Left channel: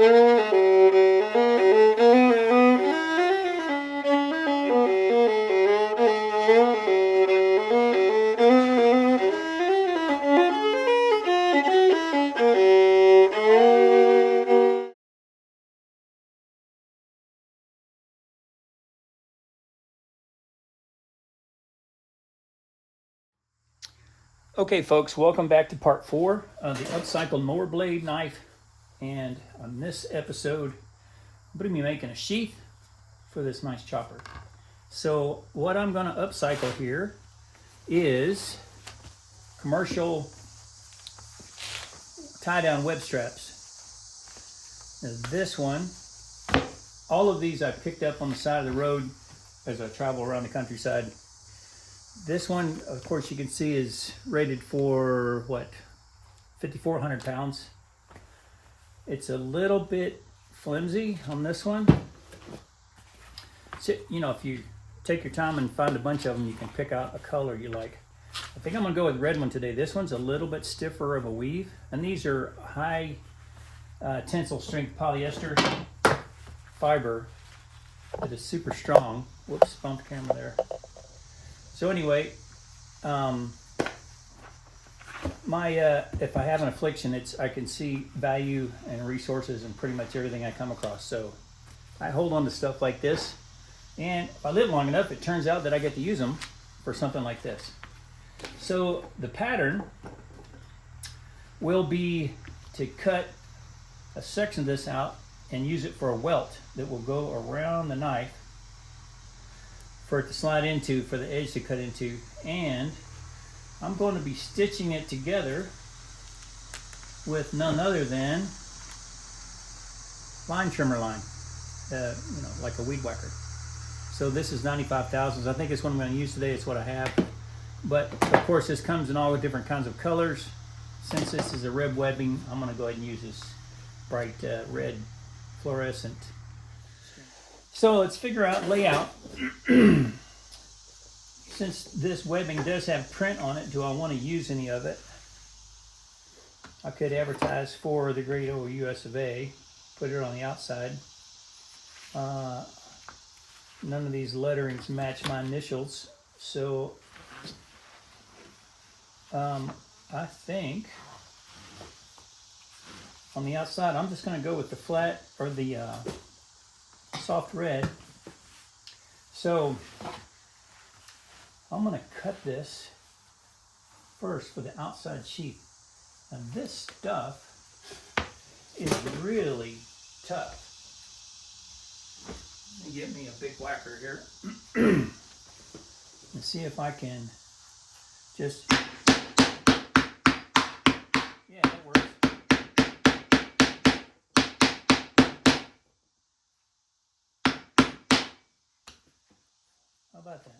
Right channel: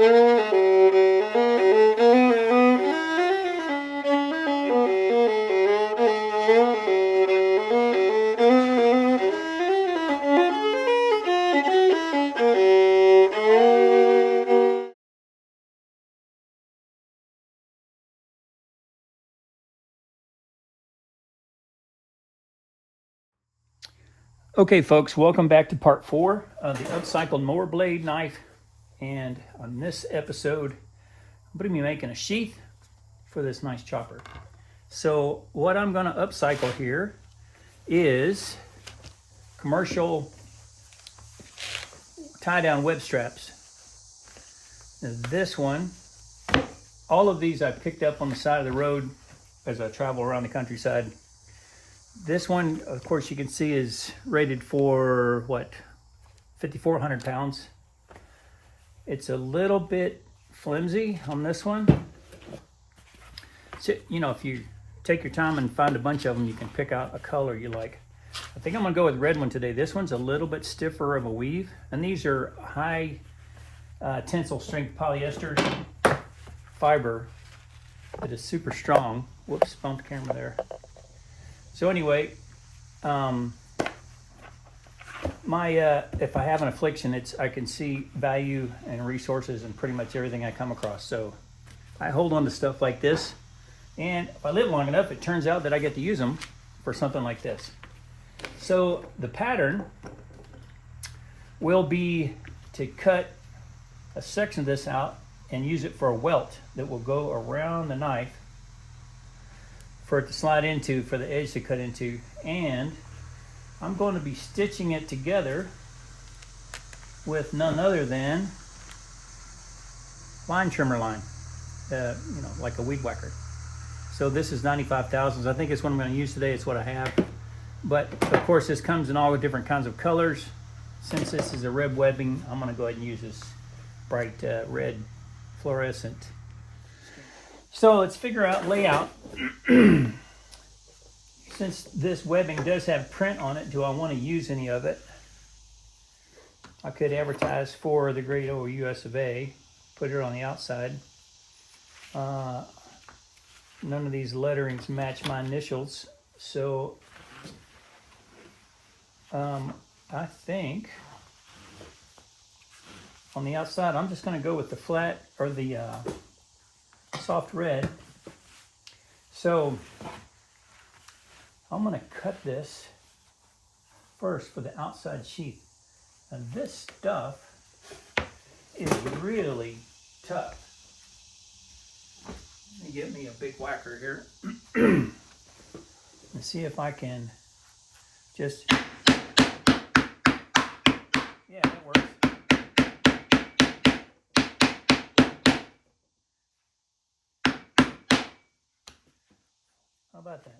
Okay folks, welcome back to part 4 of the upcycled mower blade knife. And on this episode, I'm going to be making a sheath for this nice chopper. So what I'm going to upcycle here is commercial tie-down web straps. Now this one, all of these I picked up on the side of the road as I travel around the countryside. This one, of course, you can see is rated for, what, 5,400 pounds. It's a little bit flimsy on this one. So, you know, if you take your time and find a bunch of them, you can pick out a color you like. I think I'm going to go with red one today. This one's a little bit stiffer of a weave. And these are high tensile strength polyester fiber that is super strong. Whoops, bumped the camera there. So anyway, if I have an affliction, I can see value and resources in pretty much everything I come across. So I hold on to stuff like this, and if I live long enough, it turns out that I get to use them for something like this. So the pattern will be to cut a section of this out and use it for a welt that will go around the knife for it to slide into, for the edge to cut into. And I'm going to be stitching it together with none other than line trimmer line, you know, like a weed whacker. So this is 95 thousandths. I think it's what I'm going to use today. It's what I have. But of course this comes in all the different kinds of colors. Since this is a red webbing, I'm going to go ahead and use this bright red fluorescent. So let's figure out layout. Since this webbing does have print on it, do I want to use any of it? I could advertise for the great old US of A, put it on the outside. None of these letterings match my initials, so I think on the outside I'm just going to go with the flat or the soft red. So I'm going to cut this first for the outside sheath. And this stuff is really tough. Let me get me a big whacker here and see if I can just, yeah, that works. How about that?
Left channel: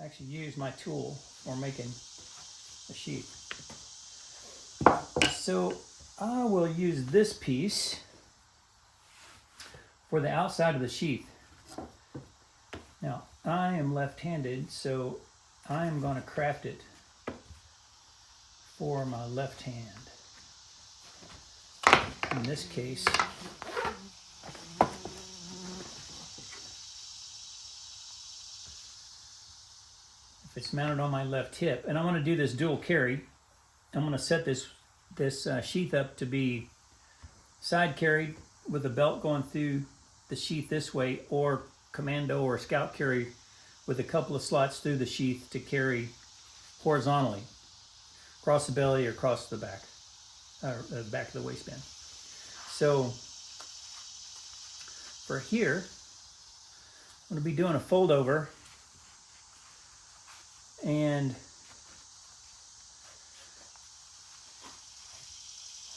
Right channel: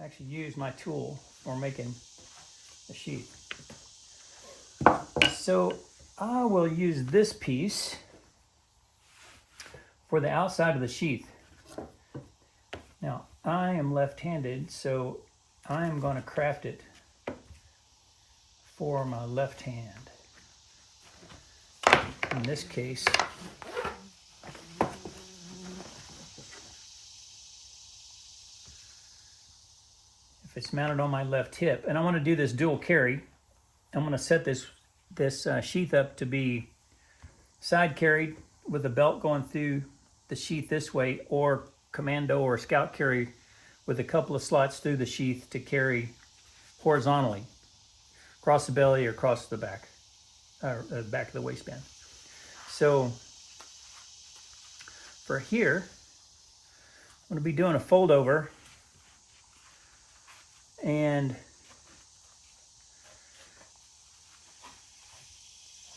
I actually use my tool for making a sheath. So I will use this piece for the outside of the sheath. Now I am left-handed, so I am going to craft it for my left hand. In this case, it's mounted on my left hip, and I want to do this dual carry. I'm going to set this sheath up to be side carried with the belt going through the sheath this way, or commando or scout carry with a couple of slots through the sheath to carry horizontally across the belly or across the back, back of the waistband. So for here, I'm going to be doing a fold over. And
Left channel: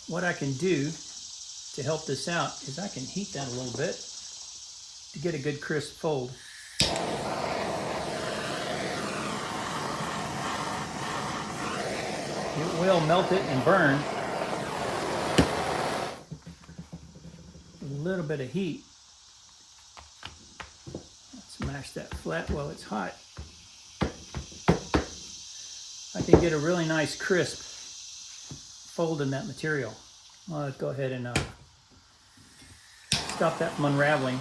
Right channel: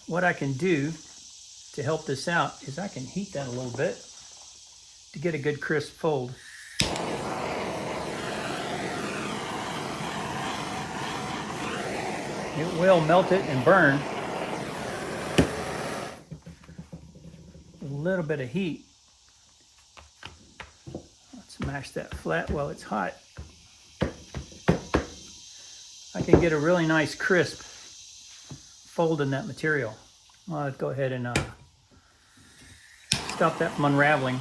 what I can do to help this out is I can heat that a little bit to get a good crisp fold. It will melt it and burn. A little bit of heat. Let's mash that flat while it's hot. I can get a really nice crisp fold in that material. Well, let's go ahead and stop that from unraveling.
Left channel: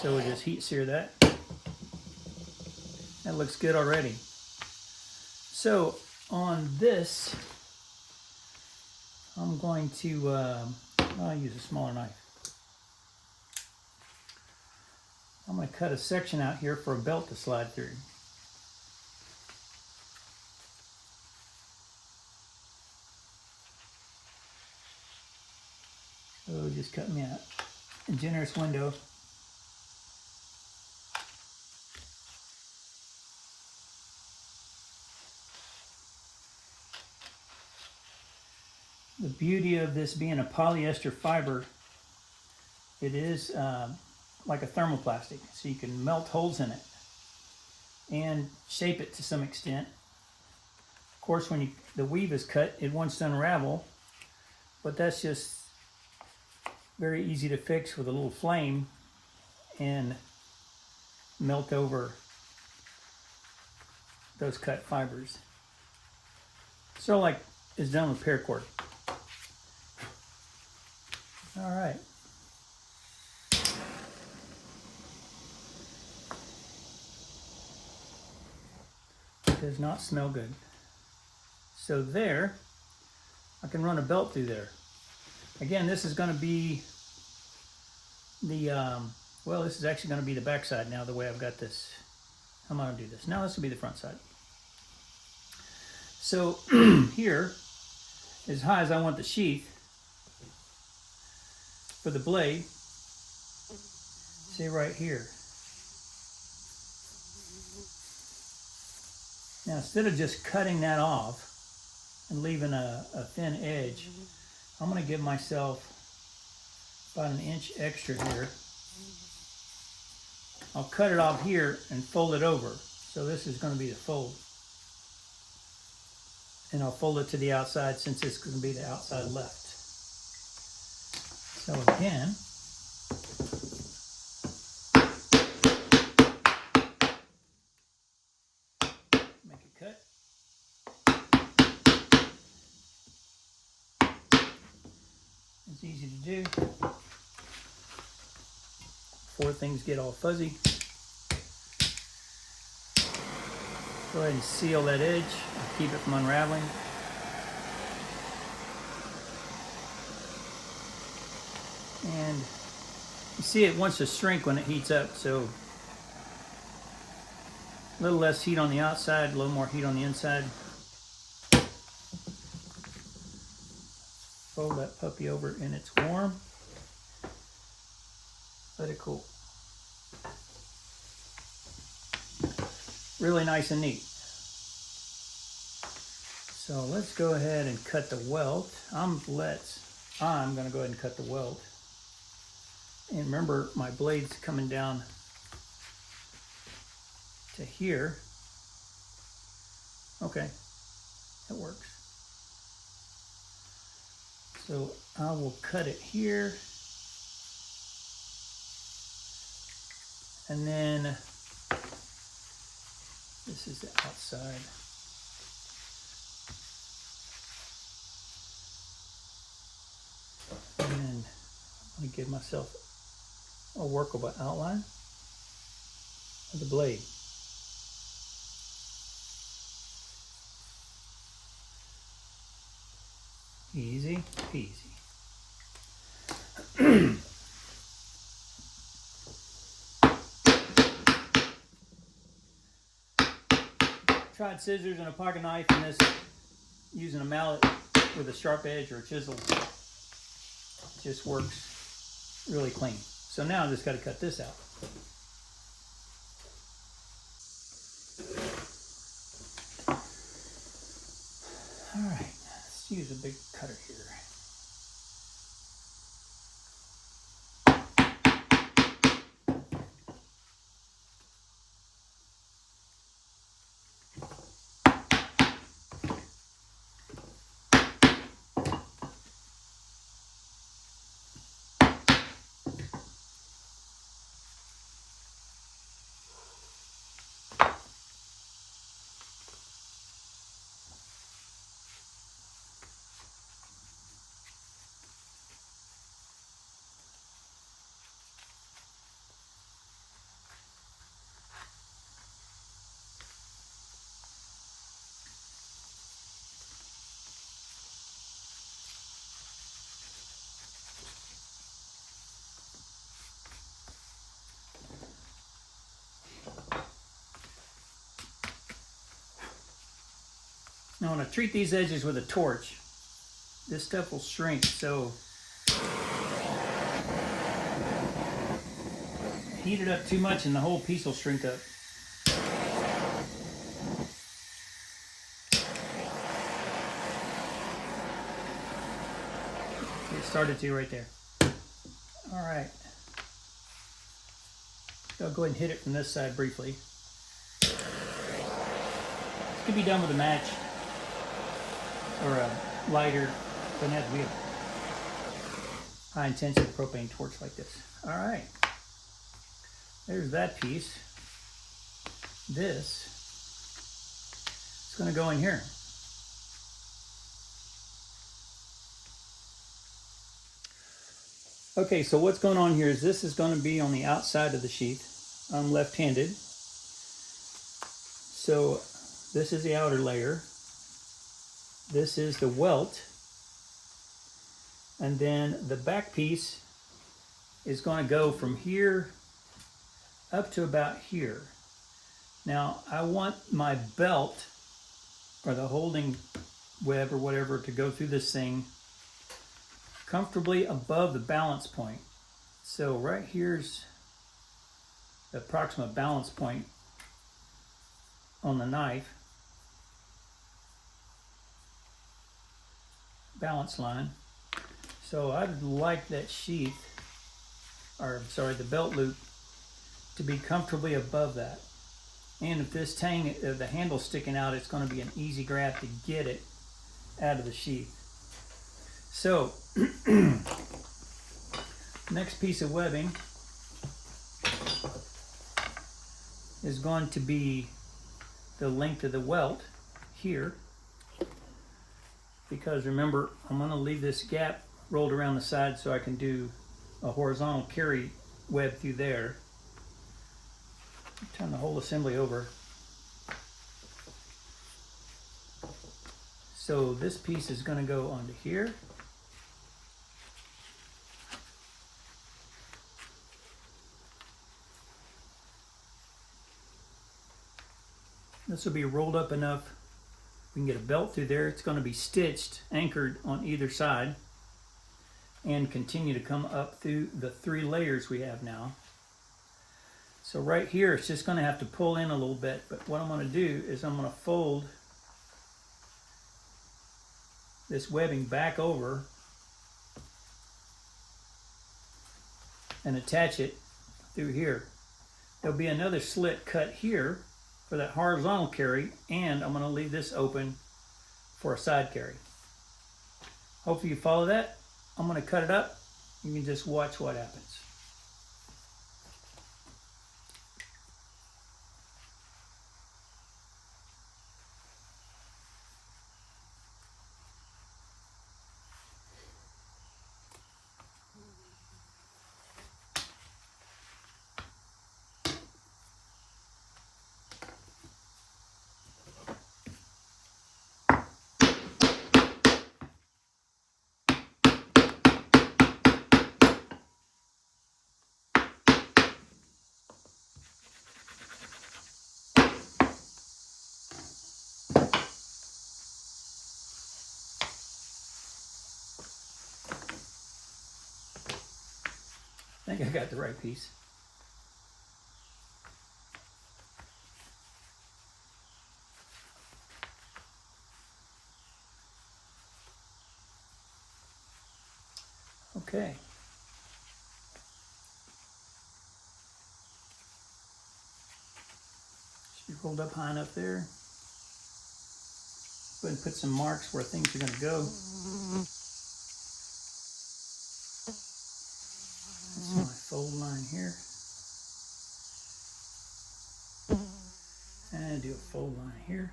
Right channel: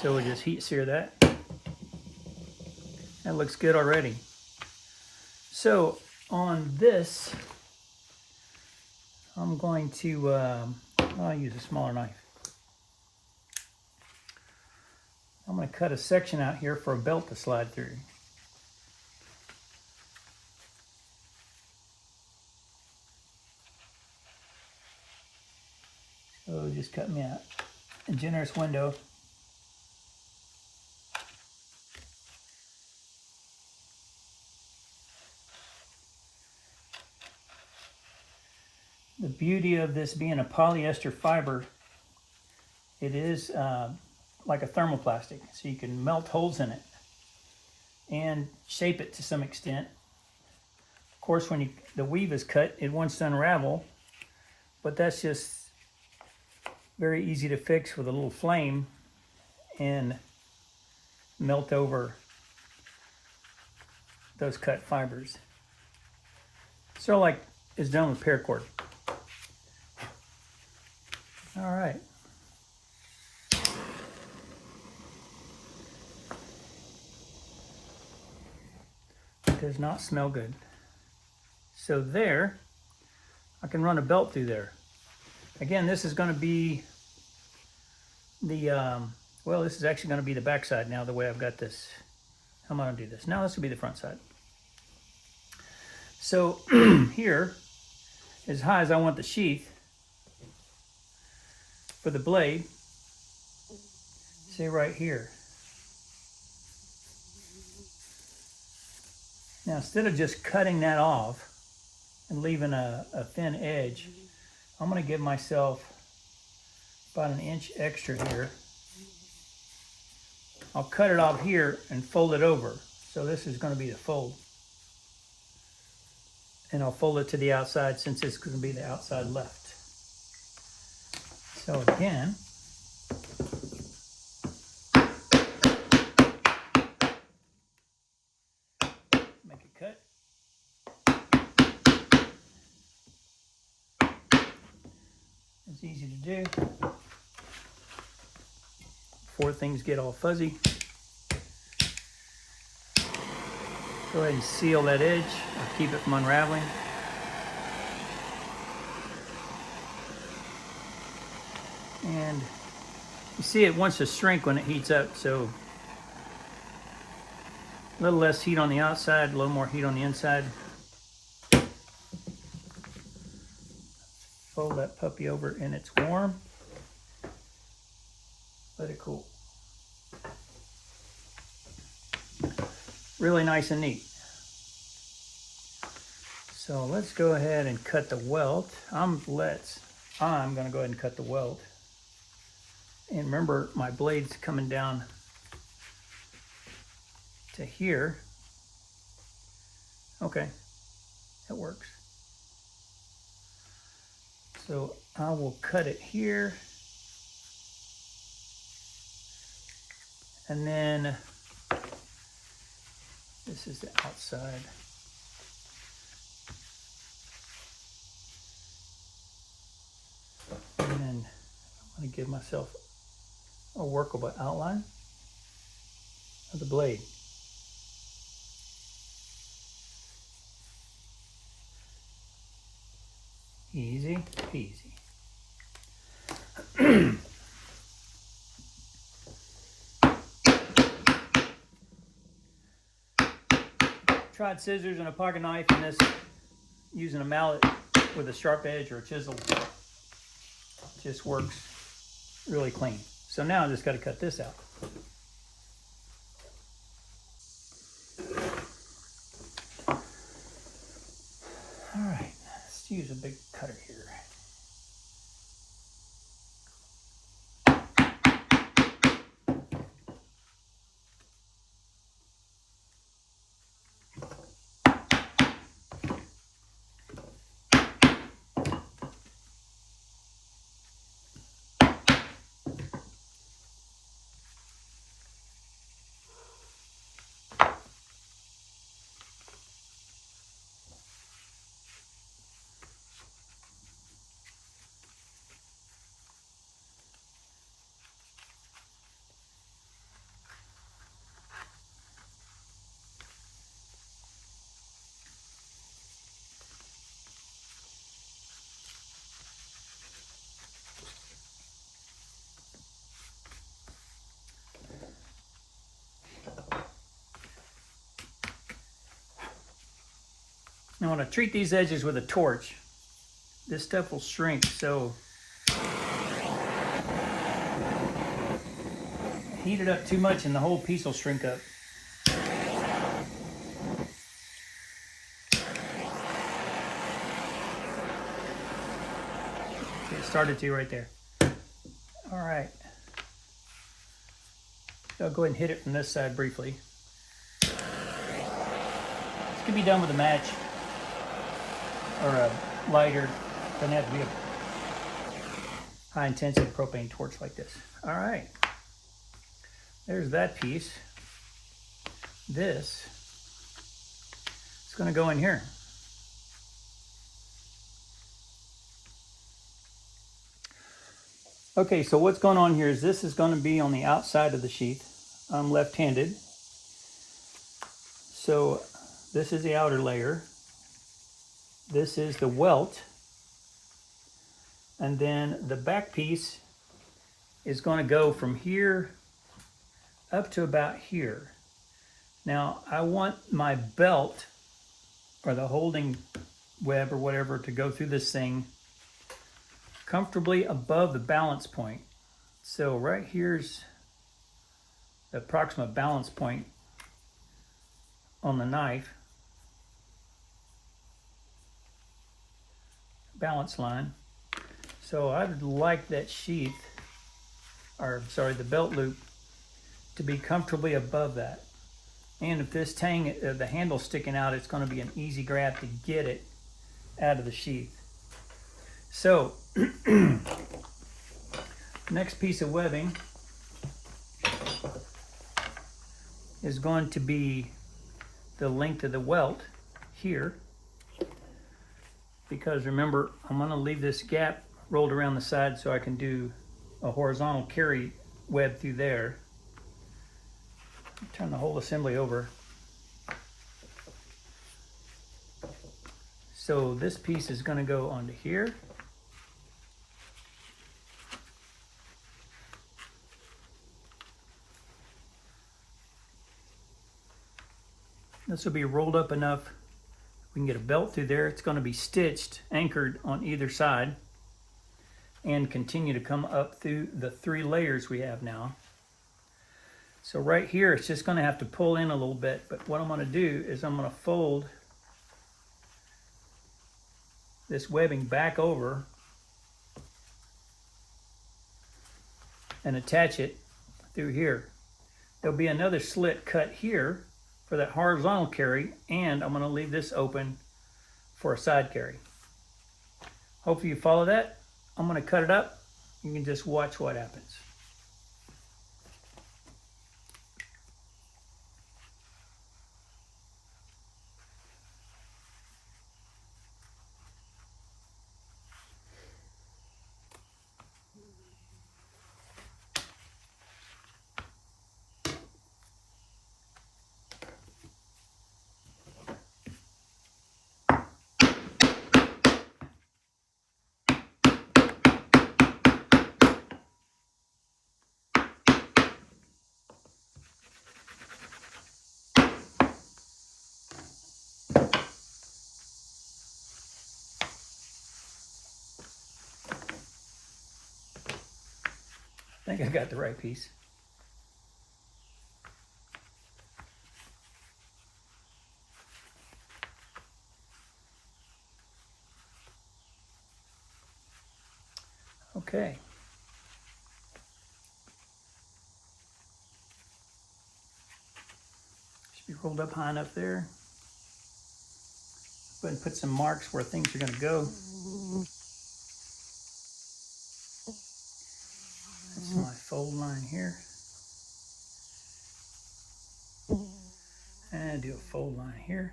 So we'll just heat sear that. That looks good already. So on this, I'm going to, I'll use a smaller knife. I'm going to cut a section out here for a belt to slide through. So just cut me a generous window. The beauty of this being a polyester fiber, it is like a thermoplastic, so you can melt holes in it and shape it to some extent. Of course, when the weave is cut, it wants to unravel, but that's just very easy to fix with a little flame and melt over those cut fibers. So like it's done with paracord. All right. It does not smell good. So there, I can run a belt through there. Again, this is going to be the, well, this is actually going to be the back side now, the way I've got this. How am I going to do this? Now this will be the front side. So here, as high as I want the sheath for the blade, say right here. Now instead of just cutting that off and leaving a thin edge, I'm going to give myself about 1 inch extra here. I'll cut it off here and fold it over. So this is going to be the fold. And I'll fold it to the outside since it's going to be the outside left. So again, make a cut. It's easy to do before things get all fuzzy. Go ahead and seal that edge and keep it from unraveling. And you see it wants to shrink when it heats up, so a little less heat on the outside, a little more heat on the inside. Fold that puppy over and it's warm. Let it cool. Really nice and neat. So let's go ahead and cut the welt. I'm going to go ahead and cut the welt. And remember, my blade's coming down to here. Okay, that works. So I will cut it here. And then this is the outside. And then I'm going to give myself a workable outline of the blade. Easy peasy. Tried scissors and a pocket knife, and this using a mallet with a sharp edge or a chisel just works really clean. So now I just got to cut this out. All right, let's use a big cutter here. Now when I treat these edges with a torch, this stuff will shrink, so heat it up too much and the whole piece will shrink up. It started to right there. All right. So I'll go ahead and hit it from this side briefly. This can be done with a match or a lighter. Doesn't have to be a high intensity propane torch like this. All right. There's that piece. This is going to go in here. Okay, so what's going on here is this is going to be on the outside of the sheath. I'm left-handed. So this is the outer layer. This is the welt. And then the back piece is going to go from here up to about here. Now I want my belt or the holding web or whatever to go through this thing comfortably above the balance point. So right here's the approximate balance point on the knife. Balance line. So I'd like that sheath, or sorry, the belt loop to be comfortably above that. And if this tang, the handle's sticking out, it's going to be an easy grab to get it out of the sheath. So, next piece of webbing is going to be the length of the welt here. Because remember, I'm going to leave this gap rolled around the side so I can do a horizontal carry web through there. Turn the whole assembly over. So this piece is going to go onto here. This will be rolled up enough we can get a belt through there. It's going to be stitched, anchored on either side, and continue to come up through the 3 layers we have now. So right here, it's just going to have to pull in a little bit, but what I'm going to do is I'm going to fold this webbing back over and attach it through here. There'll be another slit cut here for that horizontal carry, and I'm going to leave this open for a side carry. Hopefully you follow that. I'm going to cut it up. You can just watch what happens. I think I got the right piece. Okay. Should be rolled up high enough there. Go ahead and put some marks where things are going to go. That's my fold line here. And do a fold line here.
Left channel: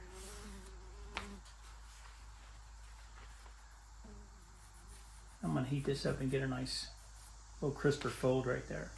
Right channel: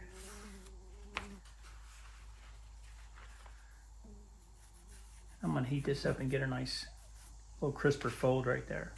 I'm going to heat this up and get a nice little crisper fold right there.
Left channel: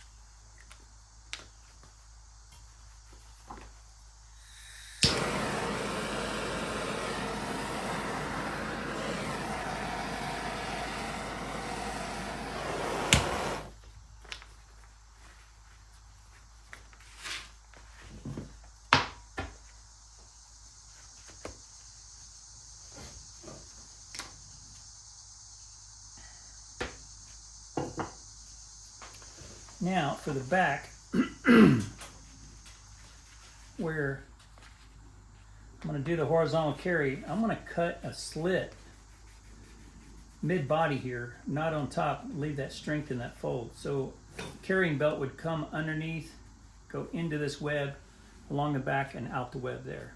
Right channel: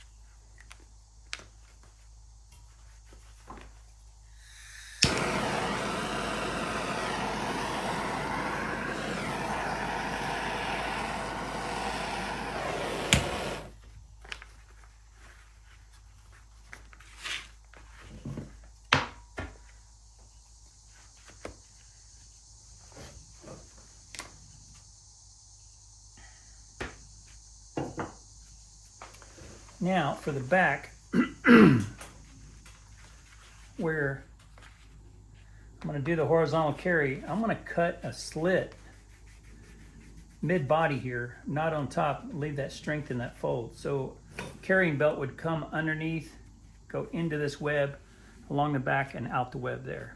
Now for the back, where I'm going to do the horizontal carry, I'm going to cut a slit mid-body here, not on top, leave that strength in that fold. So carrying belt would come underneath, go into this web, along the back and out the web there.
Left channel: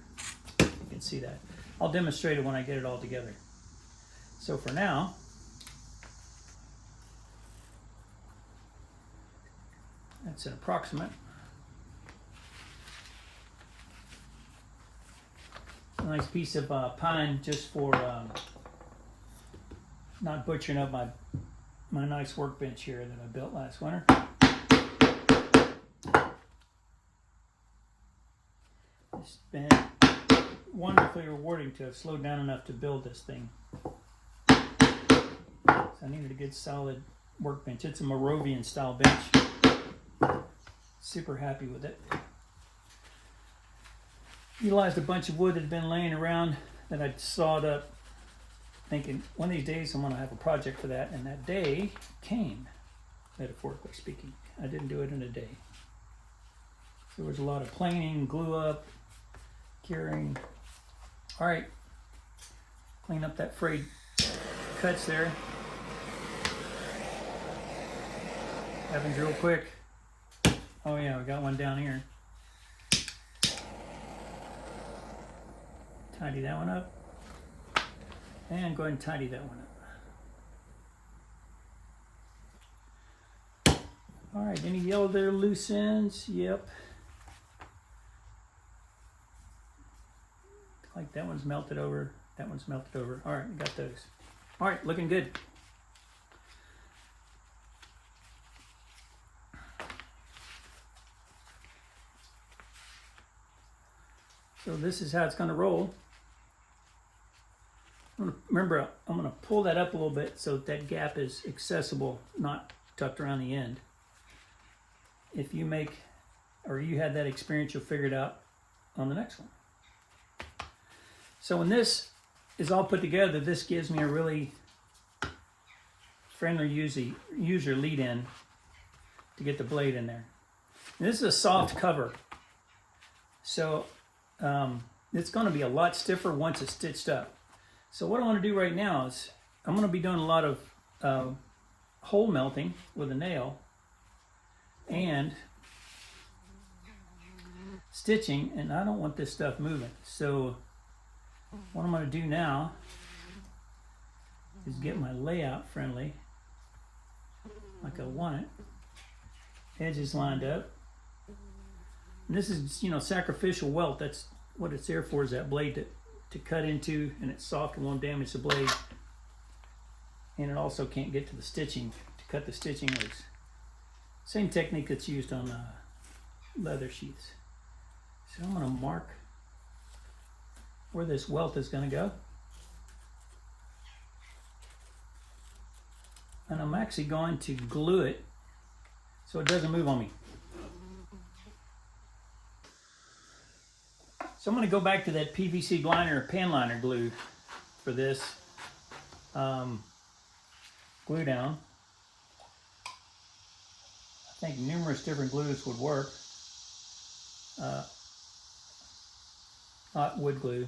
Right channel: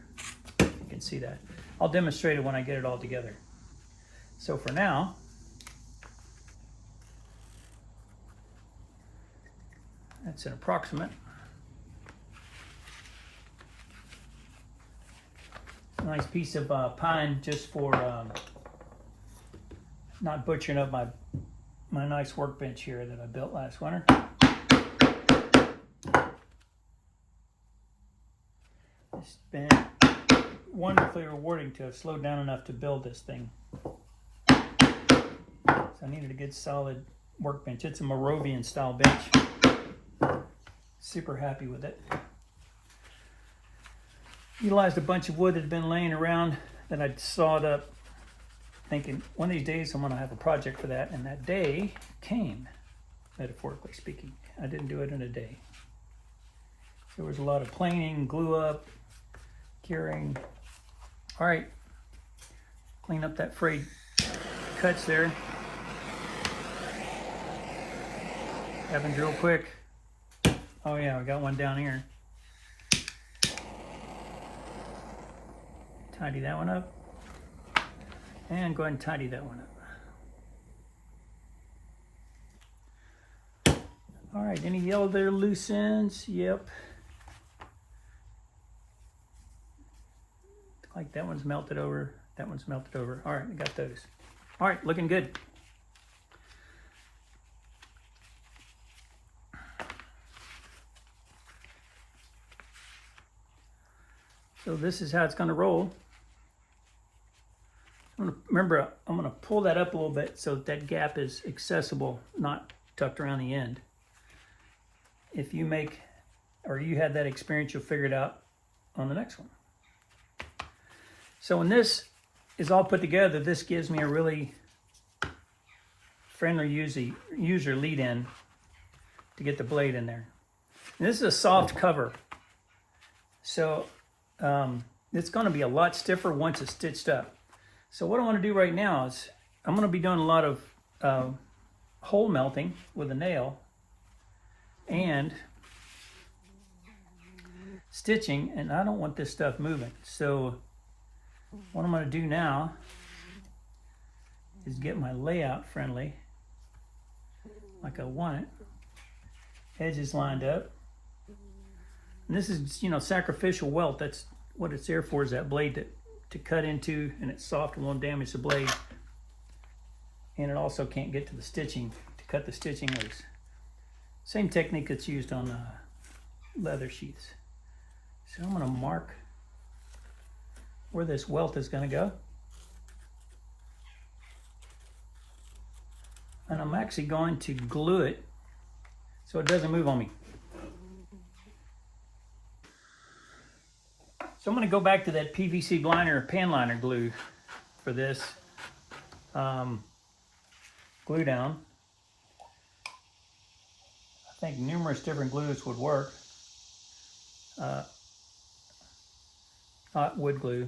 You can see that. I'll demonstrate it when I get it all together. So for now, that's an approximate. A nice piece of pine just for not butchering up my nice workbench here that I built last winter. It's been wonderfully rewarding to have slowed down enough to build this thing. So I needed a good solid workbench. It's a Moravian style bench. Super happy with it. Utilized a bunch of wood that had been laying around that I'd sawed up, thinking one of these days I'm going to have a project for that, and that day came, metaphorically speaking. I didn't do it in a day. There was a lot of planing, glue up, curing. All right, clean up that frayed cuts there. Happens real quick. Oh yeah, we got one down here. Tidy that one up. And go ahead and tidy that one up. All right, any yellow there, loose ends? Yep. Like that one's melted over, that one's melted over. All right, we got those. All right, looking good. So this is how it's going to roll. Remember, I'm going to pull that up a little bit so that gap is accessible, not tucked around the end. If you make, or you had that experience, you'll figure it out on the next one. So when this is all put together, this gives me a really friendly user lead in to get the blade in there. And this is a soft cover. So it's going to be a lot stiffer once it's stitched up. So what I want to do right now is I'm going to be doing a lot of hole melting with a nail and stitching, and I don't want this stuff moving. So what I'm going to do now is get my layout friendly like I want it. Edges lined up. And this is, sacrificial welt. That's what it's there for, is that blade to cut into, and it's soft and won't damage the blade. And it also can't get to the stitching, to cut the stitching loose. Same technique that's used on leather sheaths. So I'm going to mark where this welt is going to go. And I'm actually going to glue it so it doesn't move on me. So I'm going to go back to that PVC liner or pan liner glue for this glue down. I think numerous different glues would work. Not wood glue.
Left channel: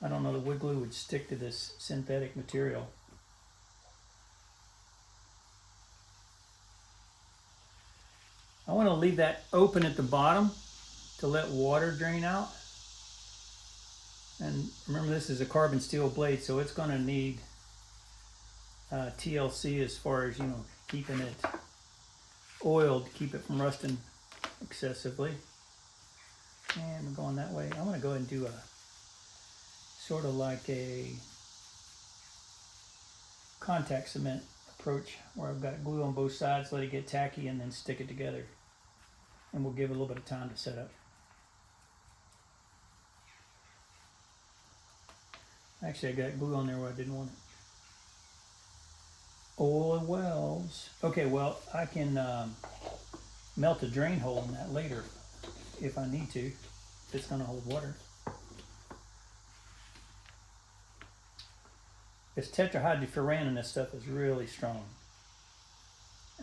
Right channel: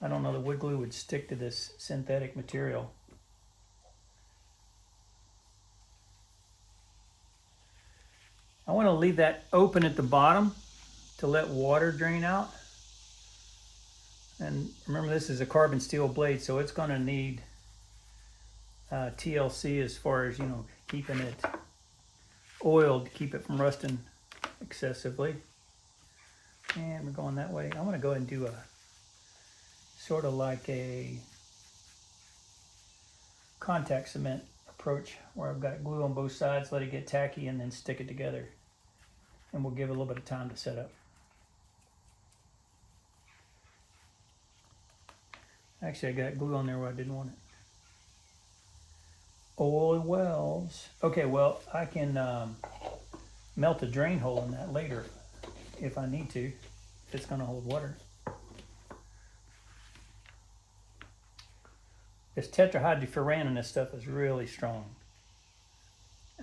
I don't know that wood glue would stick to this synthetic material. I want to leave that open at the bottom to let water drain out. And remember, this is a carbon steel blade, so it's going to need TLC as far as, keeping it oiled to keep it from rusting excessively. And we're going that way. I want to go ahead and do a sort of like a contact cement approach where I've got glue on both sides, let it get tacky, and then stick it together. And we'll give it a little bit of time to set up. Actually, I got glue on there where I didn't want it. Oil wells. Okay, well, I can melt a drain hole in that later if I need to, if it's going to hold water. This tetrahydrofuran in this stuff is really strong.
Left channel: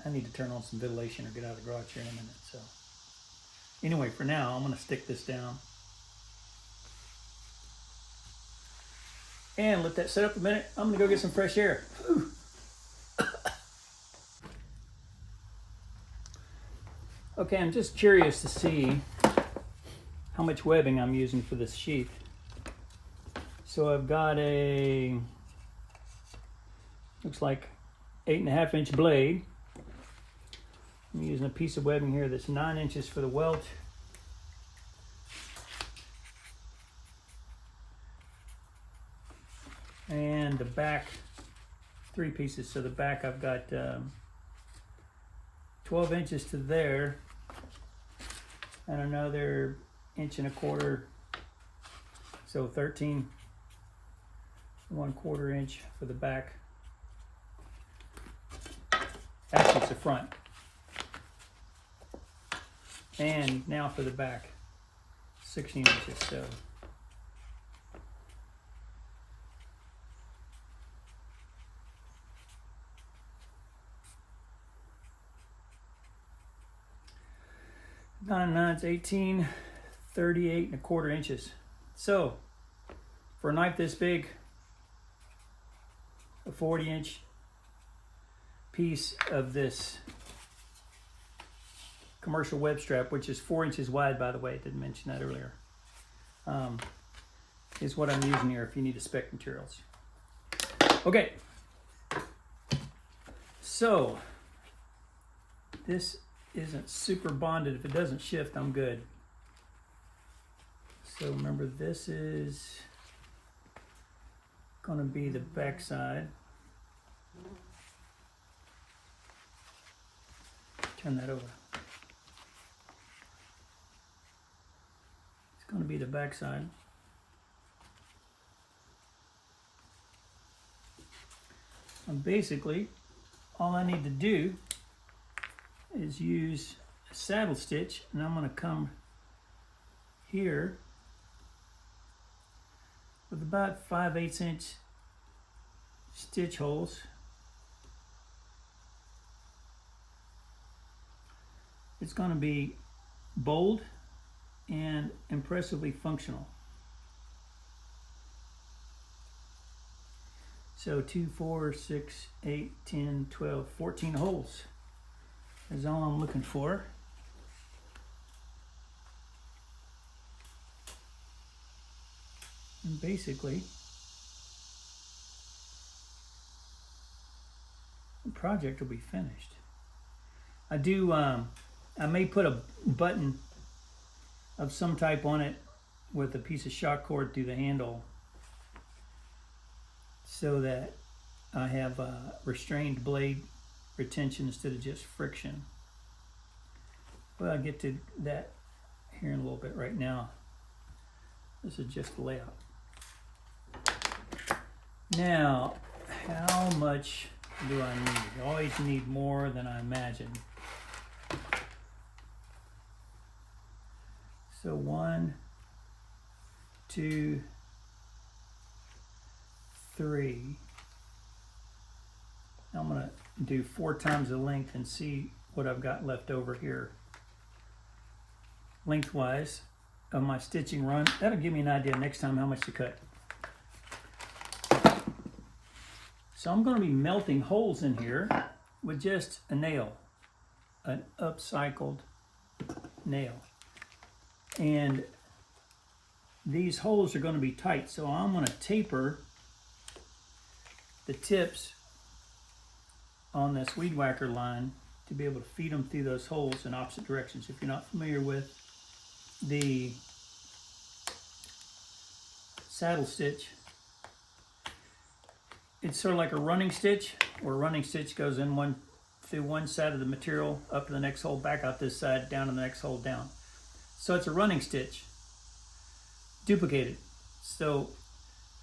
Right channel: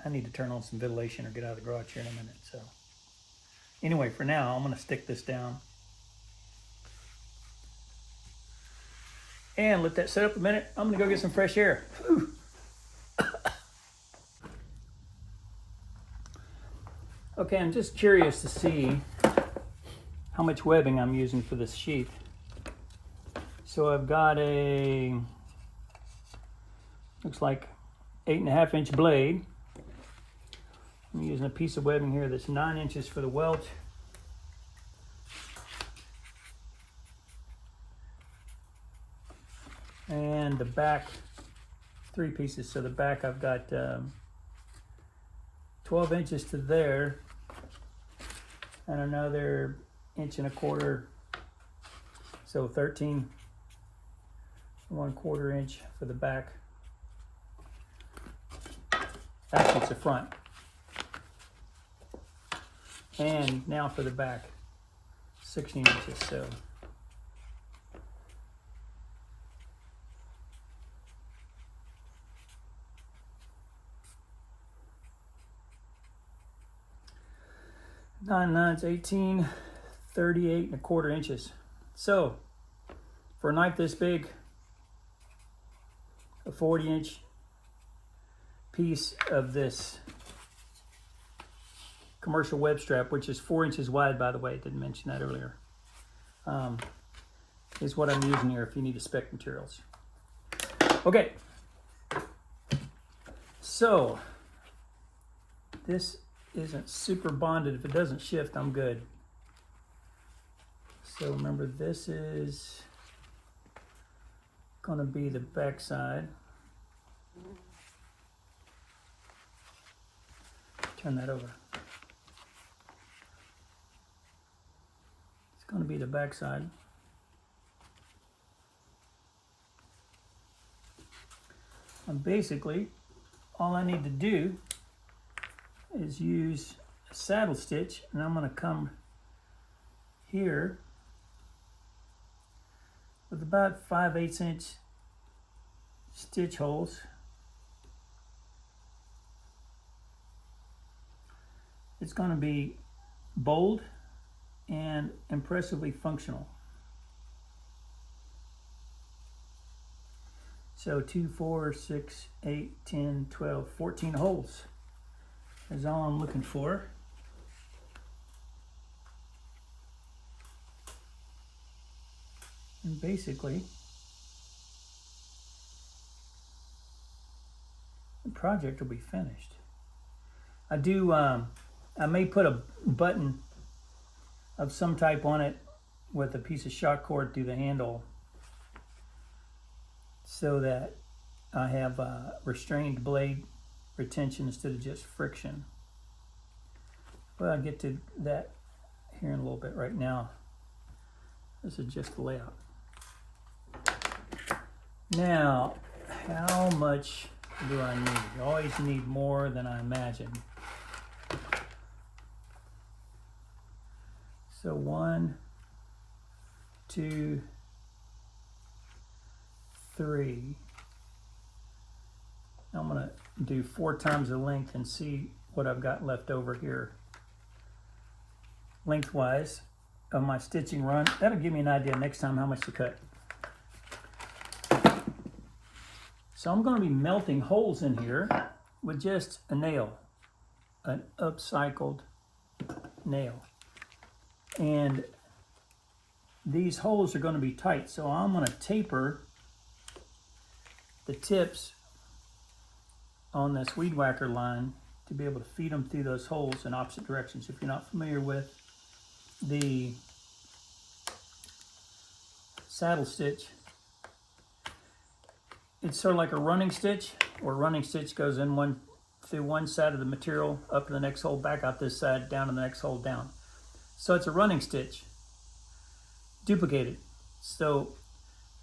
I need to turn on some ventilation or get out of the garage here in a minute. So anyway, for now, I'm going to stick this down and let that set up a minute. I'm going to go get some fresh air. Whew. Okay, I'm just curious to see how much webbing I'm using for this sheath. So I've got a, looks like 8.5 inch blade. I'm using a piece of webbing here that's 9 inches for the welt. And the back, 3 pieces. So the back I've got 12 inches to there, and another 1.25 inches, so 13 1/4 inch for the back. Actually, it's the front. And now for the back, 16 inches. So nine nines, 18, 38 1/4 inches. So for a knife this big, a 40-inch piece of this commercial web strap, which is 4 inches wide, by the way, I didn't mention that earlier, is what I'm using here if you need to spec materials. Okay, so this isn't super bonded. If it doesn't shift, I'm good. So remember, this is going to be the back side. Turn that over. It's going to be the back side. And basically, all I need to do is use a saddle stitch, and I'm going to come here with about 5/8 inch stitch holes. It's going to be bold and impressively functional. So 2, 4, 6, 8, 10, 12, 14 holes is all I'm looking for. And basically, the project will be finished. I may put a button of some type on it with a piece of shock cord through the handle so that I have restrained blade retention instead of just friction. But I'll get to that here in a little bit. Right now, this is just the layout. Now, how much do I need? You always need more than I imagine. So 1, 2, 3. I'm going to do 4 times the length and see what I've got left over here lengthwise of my stitching run. That'll give me an idea next time how much to cut. So I'm going to be melting holes in here with just a nail, an upcycled nail. And these holes are going to be tight, so I'm going to taper the tips on this weed whacker line to be able to feed them through those holes in opposite directions. If you're not familiar with the saddle stitch, it's sort of like a running stitch, where running stitch goes in through one side of the material, up to the next hole, back out this side, down to the next hole, down. So it's a running stitch, duplicated. So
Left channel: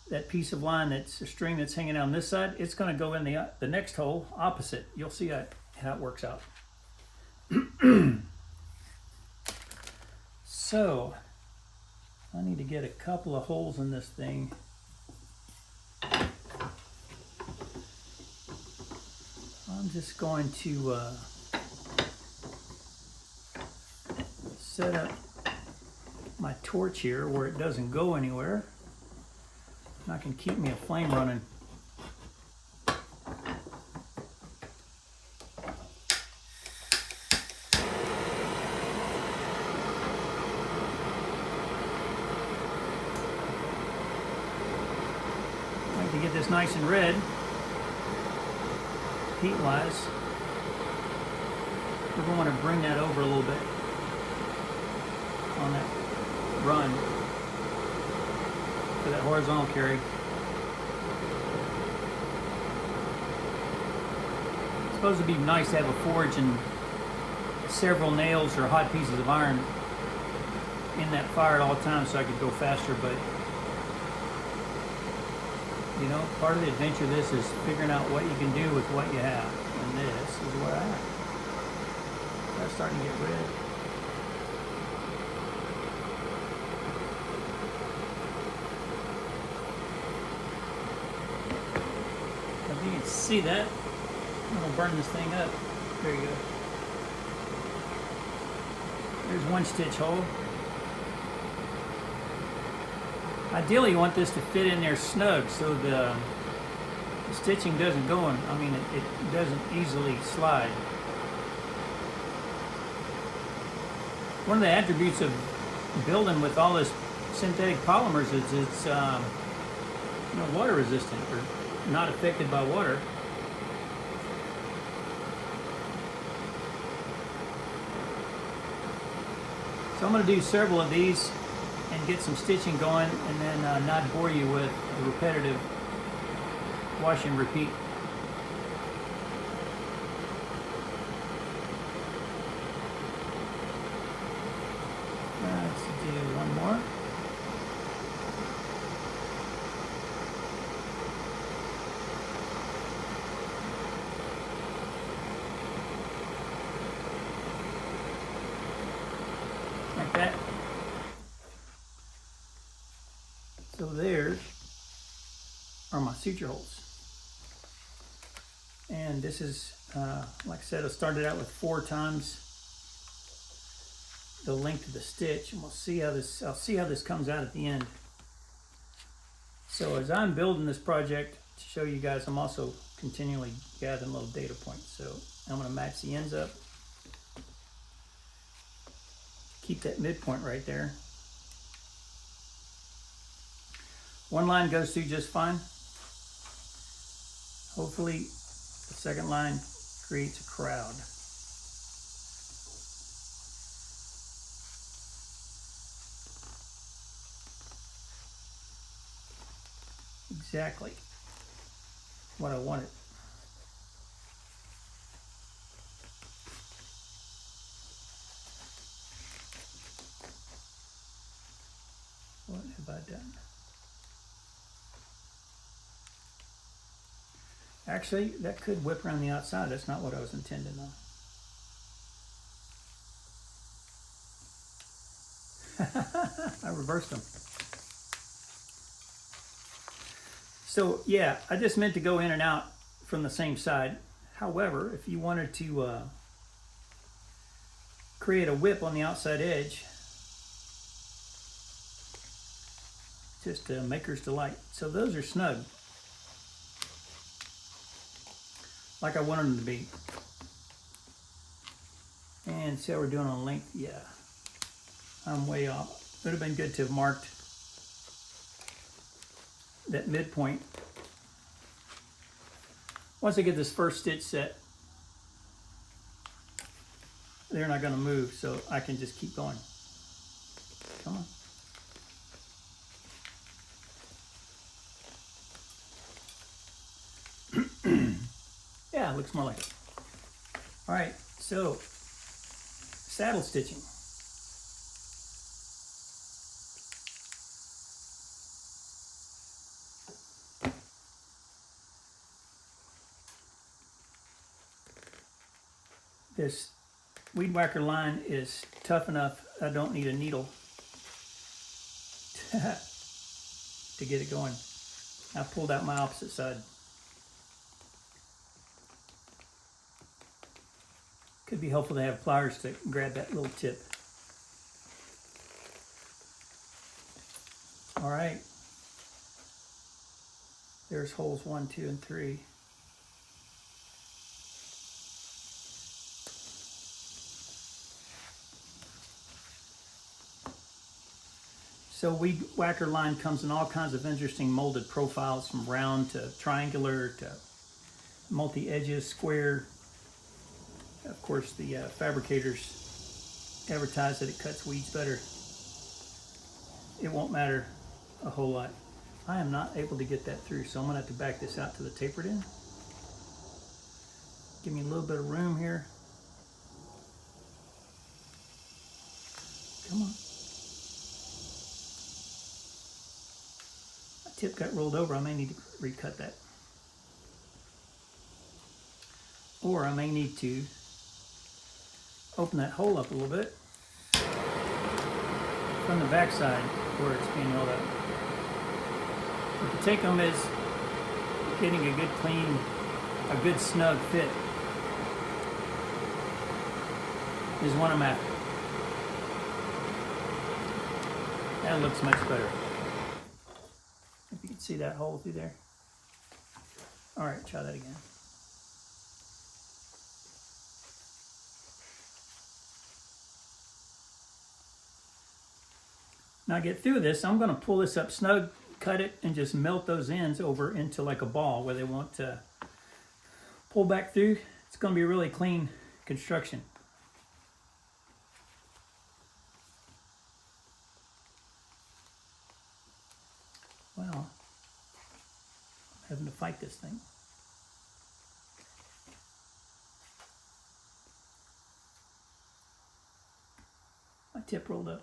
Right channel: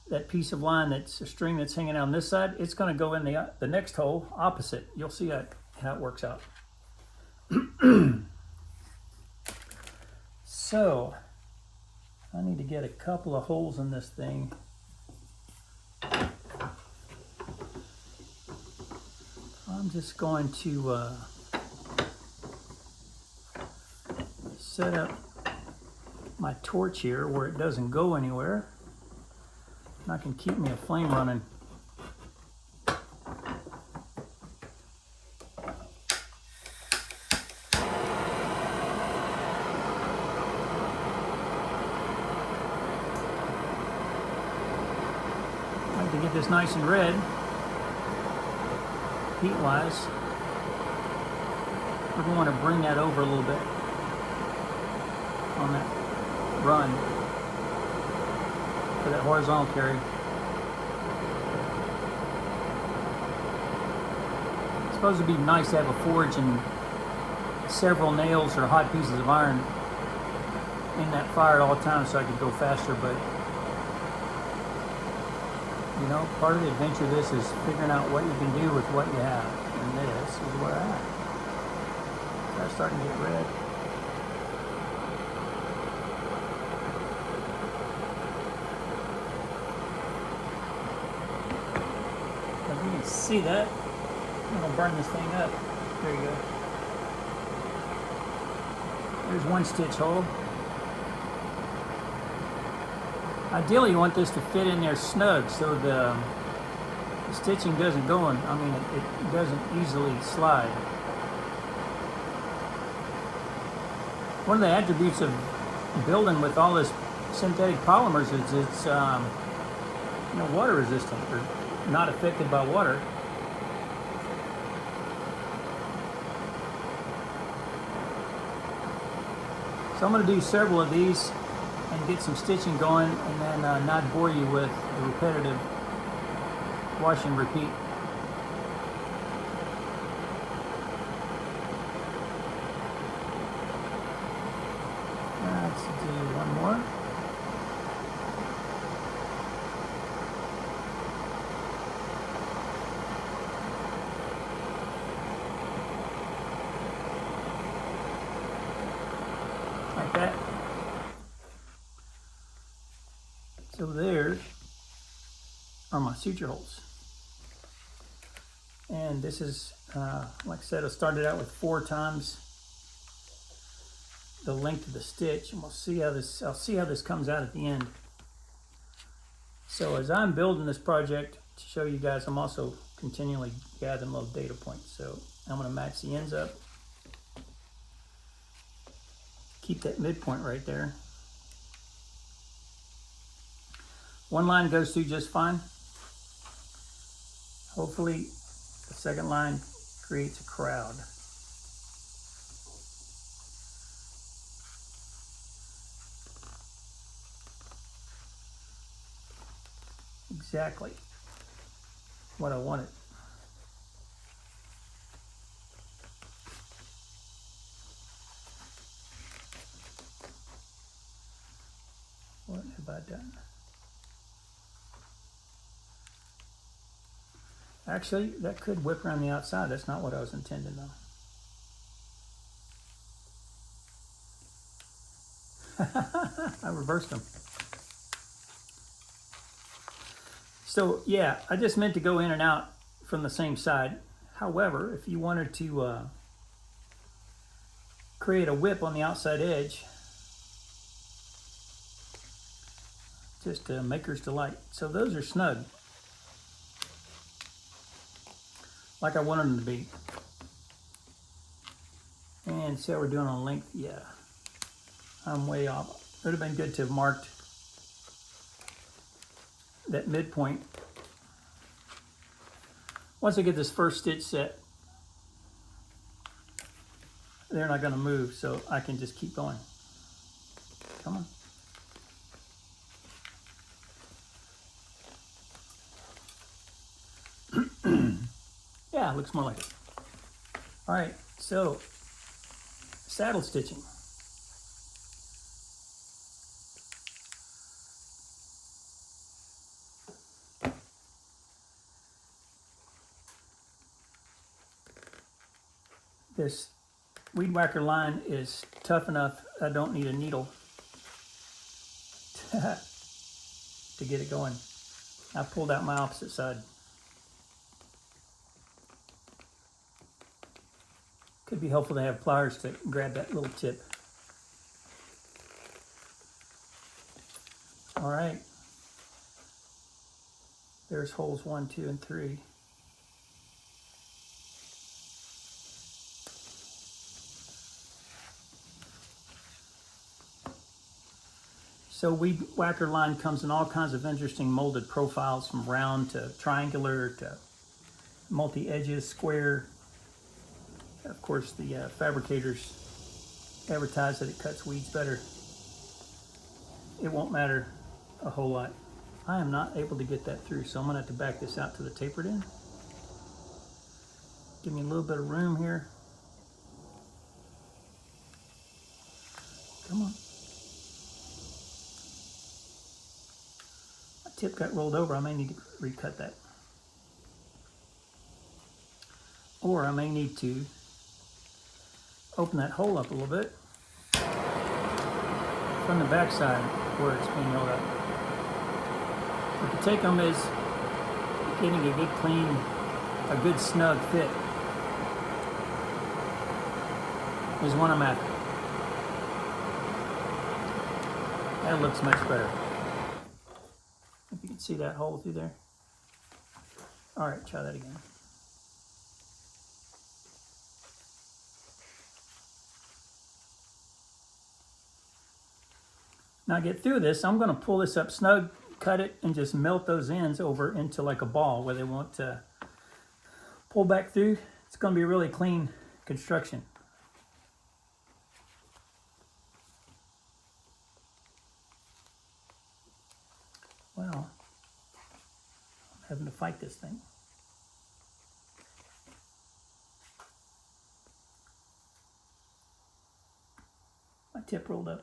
that piece of line, that's a string that's hanging on this side, it's going to go in the next hole opposite. You'll see how it works out. So I need to get a couple of holes in this thing. I'm just going to set up my torch here where it doesn't go anywhere. And I can keep me a flame running. To get this nice and red, heat-wise, we're going to bring that over a little bit on that run for that horizontal carry. It's supposed to be nice to have a forge and several nails or hot pieces of iron in that fire at all times so I could go faster, but you know, part of the adventure of this is figuring out what you can do with what you have. And this is what I have. That's starting to get red. If you can see that, I'm going to burn this thing up. There you go. There's one stitch hole. Ideally, you want this to fit in there snug so the stitching doesn't go in. I mean, it doesn't easily slide. One of the attributes of building with all this synthetic polymers is it's you know, water resistant or not affected by water. So I'm going to do several of these and get some stitching going, and then not bore you with the repetitive wash and repeat. Let's do one more. Like that. So there are my suture holes. And this is, like I said, I started out with 4 times the length of the stitch, and we'll see how this, I'll see how this comes out at the end. So as I'm building this project to show you guys, I'm also continually gathering little data points. So I'm going to match the ends up. Keep that midpoint right there. One line goes through just fine. Hopefully the second line creates a crowd. Exactly what I wanted. What have I done? Actually, that could whip around the outside. That's not what I was intending though. I reversed them. So yeah, I just meant to go in and out from the same side. However, if you wanted to create a whip on the outside edge, just a maker's delight. So those are snug, like I wanted them to be. And see how we're doing on length? Yeah, I'm way off. It would have been good to have marked that midpoint. Once I get this first stitch set, they're not going to move, so I can just keep going. Come on. Yeah, looks more like it. All right, so saddle stitching. This weed whacker line is tough enough. I don't need a needle to get it going. I pulled out my opposite side. Could be helpful to have pliers to grab that little tip. All right. There's holes 1, 2, and 3. So weed whacker line comes in all kinds of interesting molded profiles, from round to triangular to multi-edges, square. Of course, the fabricators advertise that it cuts weeds better. It won't matter a whole lot. I am not able to get that through, so I'm gonna have to back this out to the tapered end. Give me a little bit of room here. Come on. My tip got rolled over. I may need to recut that. Or I may need to open that hole up a little bit from the back side where it's being rolled up. But the take-home is getting a good clean, a good snug fit is what I'm after. That looks much better. If you can see that hole through there. All right, try that again. Now get through this, I'm going to pull this up snug, cut it, and just melt those ends over into like a ball where they won't pull back through. It's going to be a really clean construction. Well, I'm having to fight this thing. My tip rolled up.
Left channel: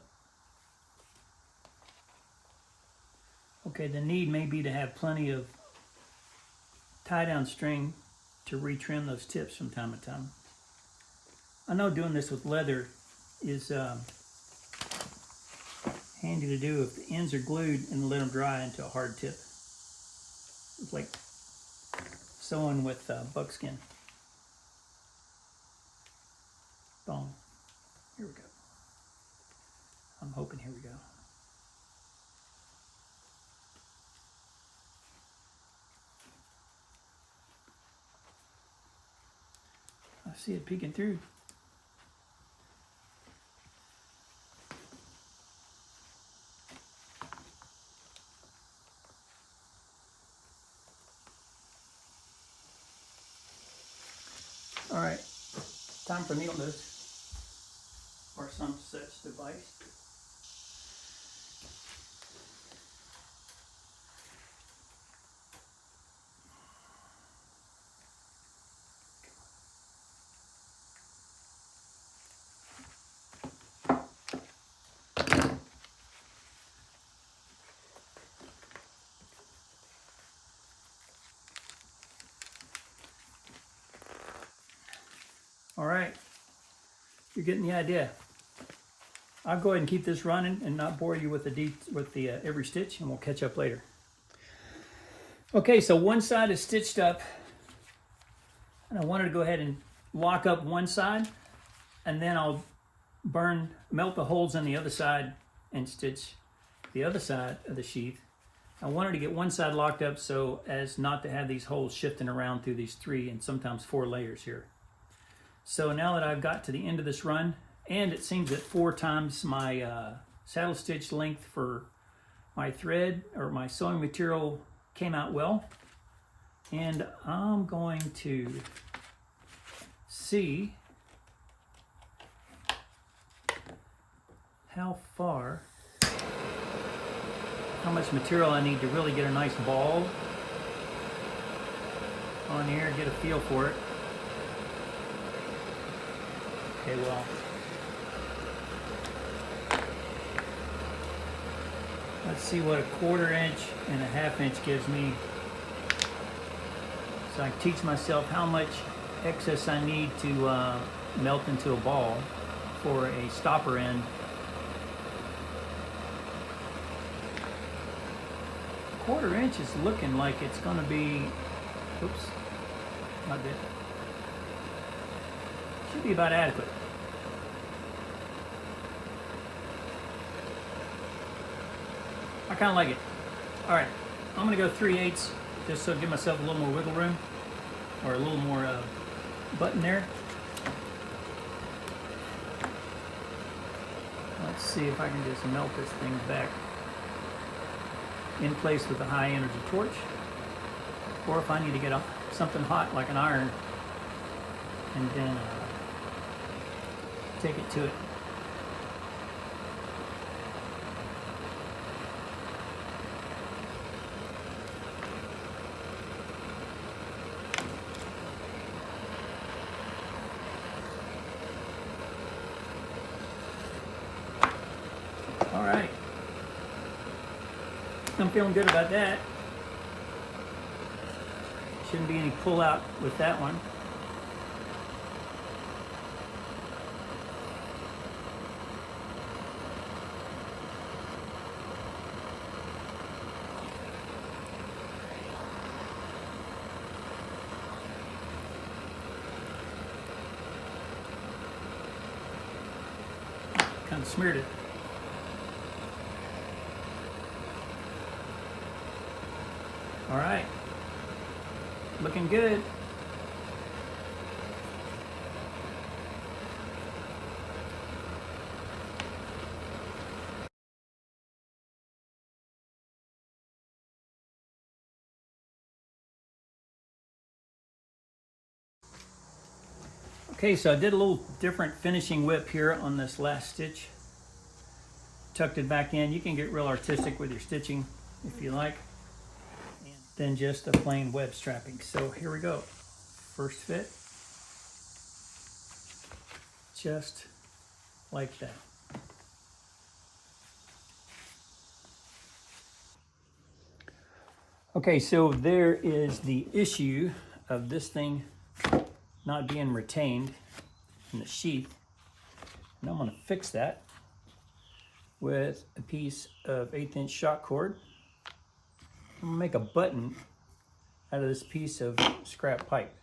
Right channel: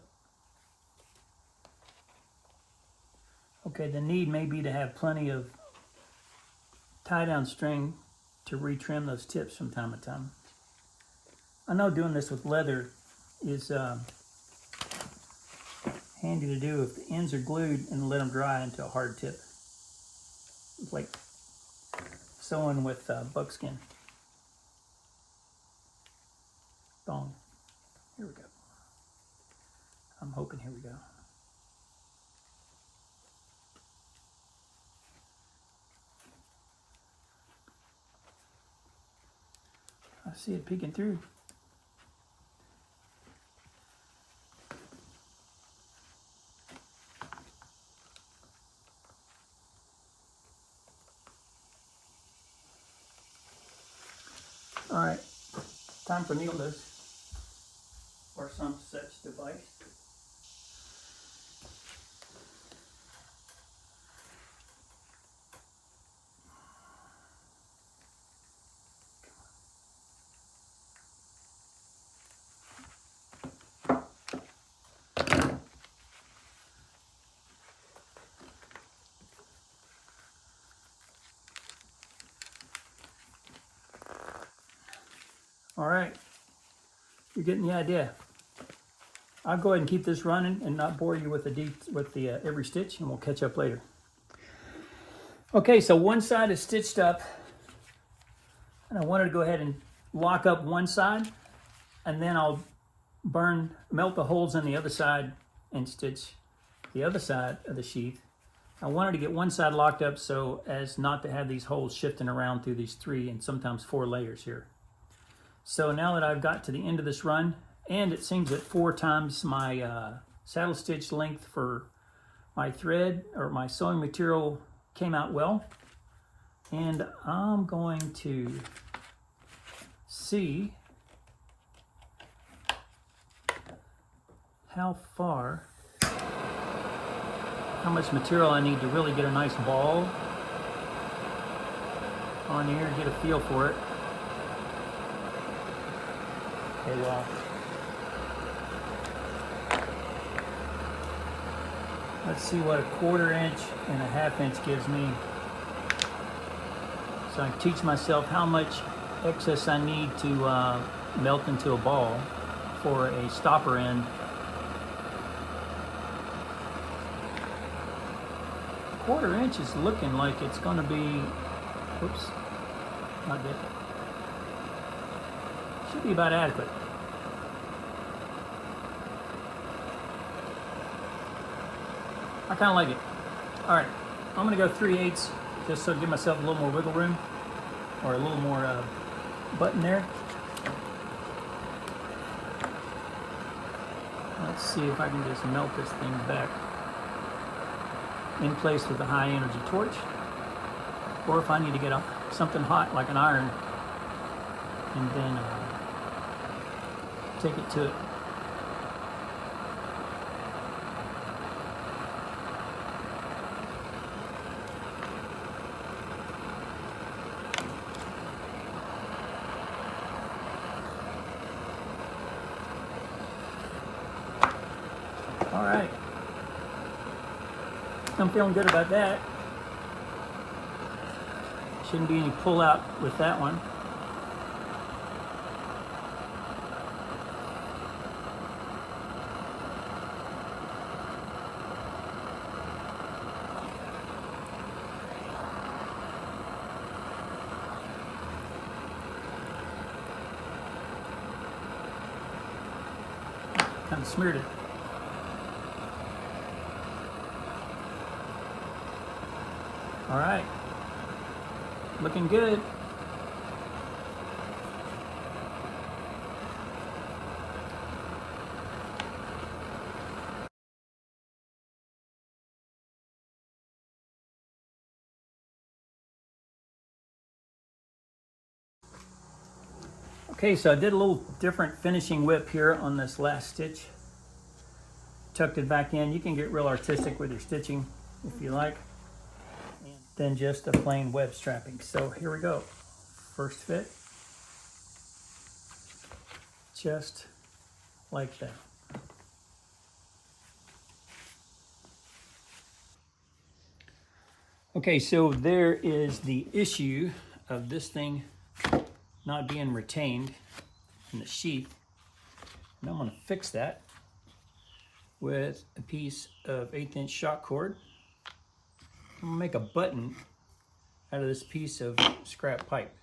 Okay, the need may be to have plenty of tie-down string to retrim those tips from time to time. I know doing this with leather is handy to do if the ends are glued and let them dry into a hard tip. It's like sewing with buckskin. Bone. Here we go. I'm hoping here we go. I see it peeking through. All right, time for needleless or some such device. All right, you're getting the idea. I'll go ahead and keep this running and not bore you with the every stitch, and we'll catch up later. Okay, so one side is stitched up, and I wanted to go ahead and lock up one side, and then I'll melt the holes on the other side and stitch the other side of the sheath. I wanted to get one side locked up so as not to have these holes shifting around through these 3 and sometimes 4 layers here. So now that I've got to the end of this run, and it seems that 4 times my saddle stitch length for my thread or my sewing material came out well, and I'm going to see how much material I need to really get a nice ball on here, get a feel for it. Okay, well, let's see what a 1/4 inch and a 1/2 inch gives me. So I teach myself how much excess I need to melt into a ball for a stopper end. 1/4 inch is looking like it's going to be, oops, not that. Should be about adequate. I kind of like it. All right, I'm gonna go 3/8 just so give myself a little more wiggle room, or a little more button there. Let's see if I can just melt this thing back in place with a high energy torch, or if I need to get something hot like an iron and then take it to it. All right, I'm feeling good about that. Shouldn't be any pull out with that one. Kind of smeared it. All right, looking good. Okay, so I did a little different finishing whip here on this last stitch. Tucked it back in. You can get real artistic with your stitching if you like. Than just a plain web strapping. So here we go. First fit. Just like that. Okay, so there is the issue of this thing not being retained in the sheath. And I'm going to fix that with a piece of 1/8 inch shot cord. I'm gonna make a button out of this piece of scrap pipe.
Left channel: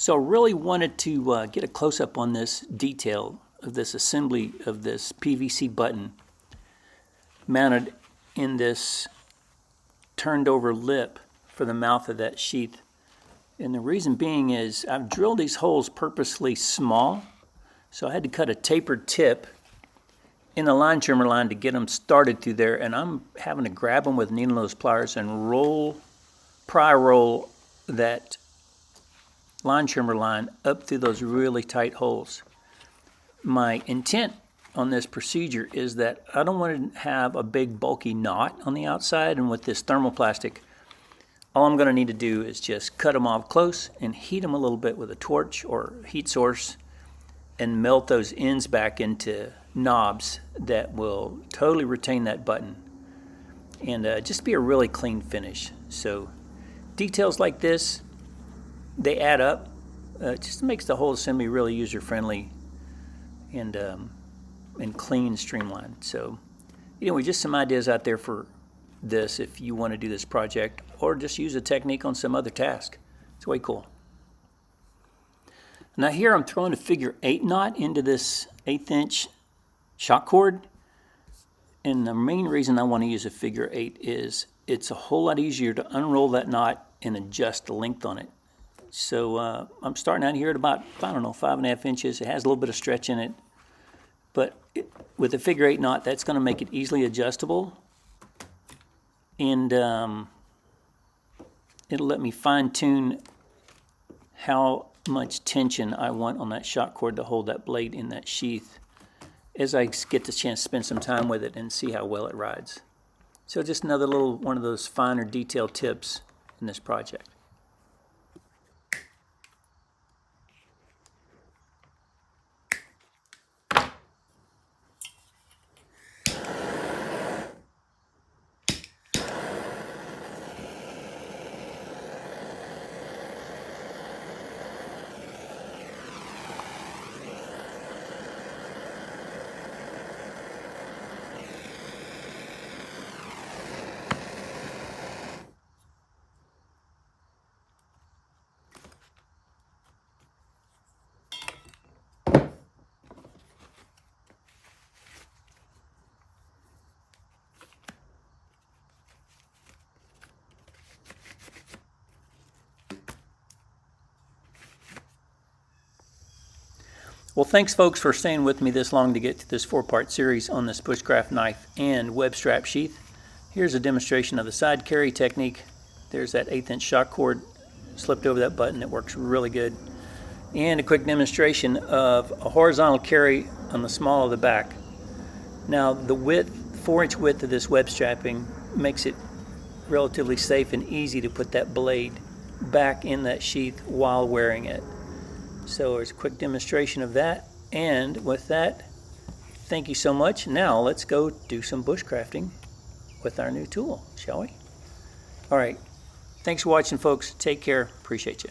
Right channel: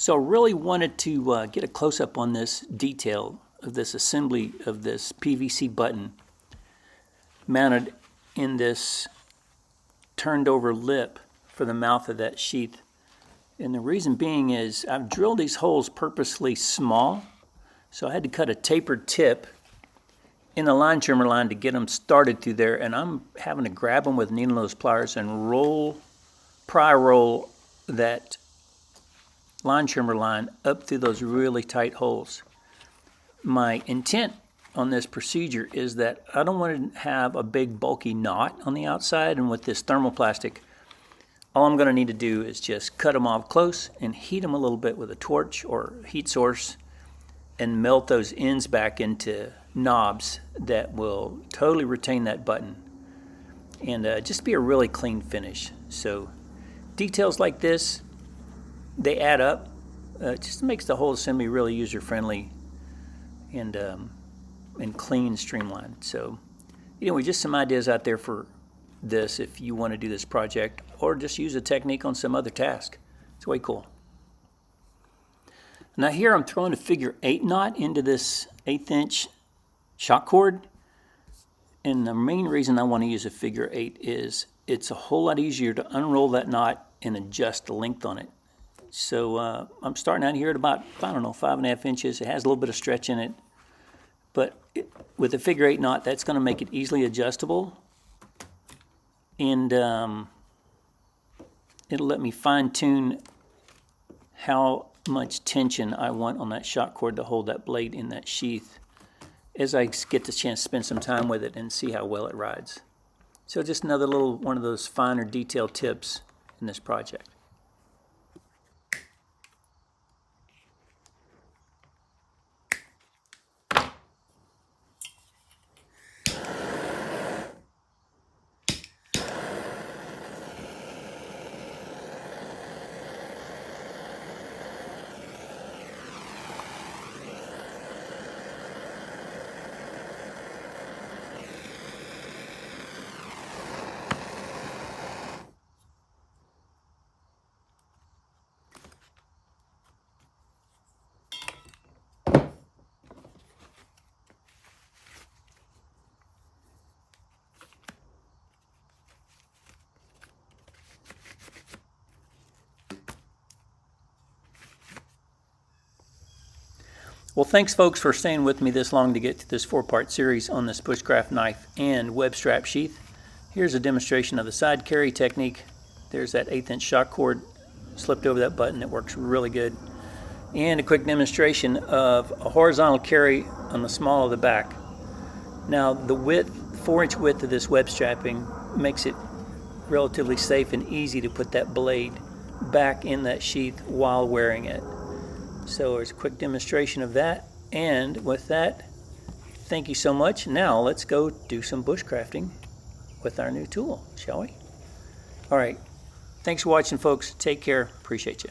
So really wanted to get a close-up on this detail of this assembly of this PVC button mounted in this turned over lip for the mouth of that sheath. And the reason being is I've drilled these holes purposely small, so I had to cut a tapered tip in the line trimmer line to get them started through there, and I'm having to grab them with needle nose pliers and pry roll that line trimmer line up through those really tight holes. My intent on this procedure is that I don't want to have a big bulky knot on the outside, and with this thermoplastic, all I'm going to need to do is just cut them off close and heat them a little bit with a torch or heat source and melt those ends back into knobs that will totally retain that button and just be a really clean finish. So details like this, they add up. It just makes the whole assembly really user-friendly and clean, streamlined. So anyway, just some ideas out there for this if you want to do this project or just use a technique on some other task. It's way cool. Now here I'm throwing a figure 8 knot into this 1/8 inch shock cord, and the main reason I want to use a figure 8 is it's a whole lot easier to unroll that knot and adjust the length on it. So I'm starting out here at about, I don't know, 5.5 inches. It has a little bit of stretch in it, but with a figure 8 knot, that's going to make it easily adjustable, and it'll let me fine-tune how much tension I want on that shock cord to hold that blade in that sheath as I get the chance to spend some time with it and see how well it rides. So just another little one of those finer detailed tips in this project. Well, thanks folks for staying with me this long to get to this 4-part series on this Bushcraft knife and web strap sheath. Here's a demonstration of the side carry technique. There's that 1/8 inch shock cord slipped over that button. It works really good. And a quick demonstration of a horizontal carry on the small of the back. Now the width, 4-inch width of this web strapping makes it relatively safe and easy to put that blade back in that sheath while wearing it. So there's a quick demonstration of that, and with that, thank you so much. Now let's go do some bushcrafting with our new tool, shall we? All right, thanks for watching folks. Take care, appreciate you.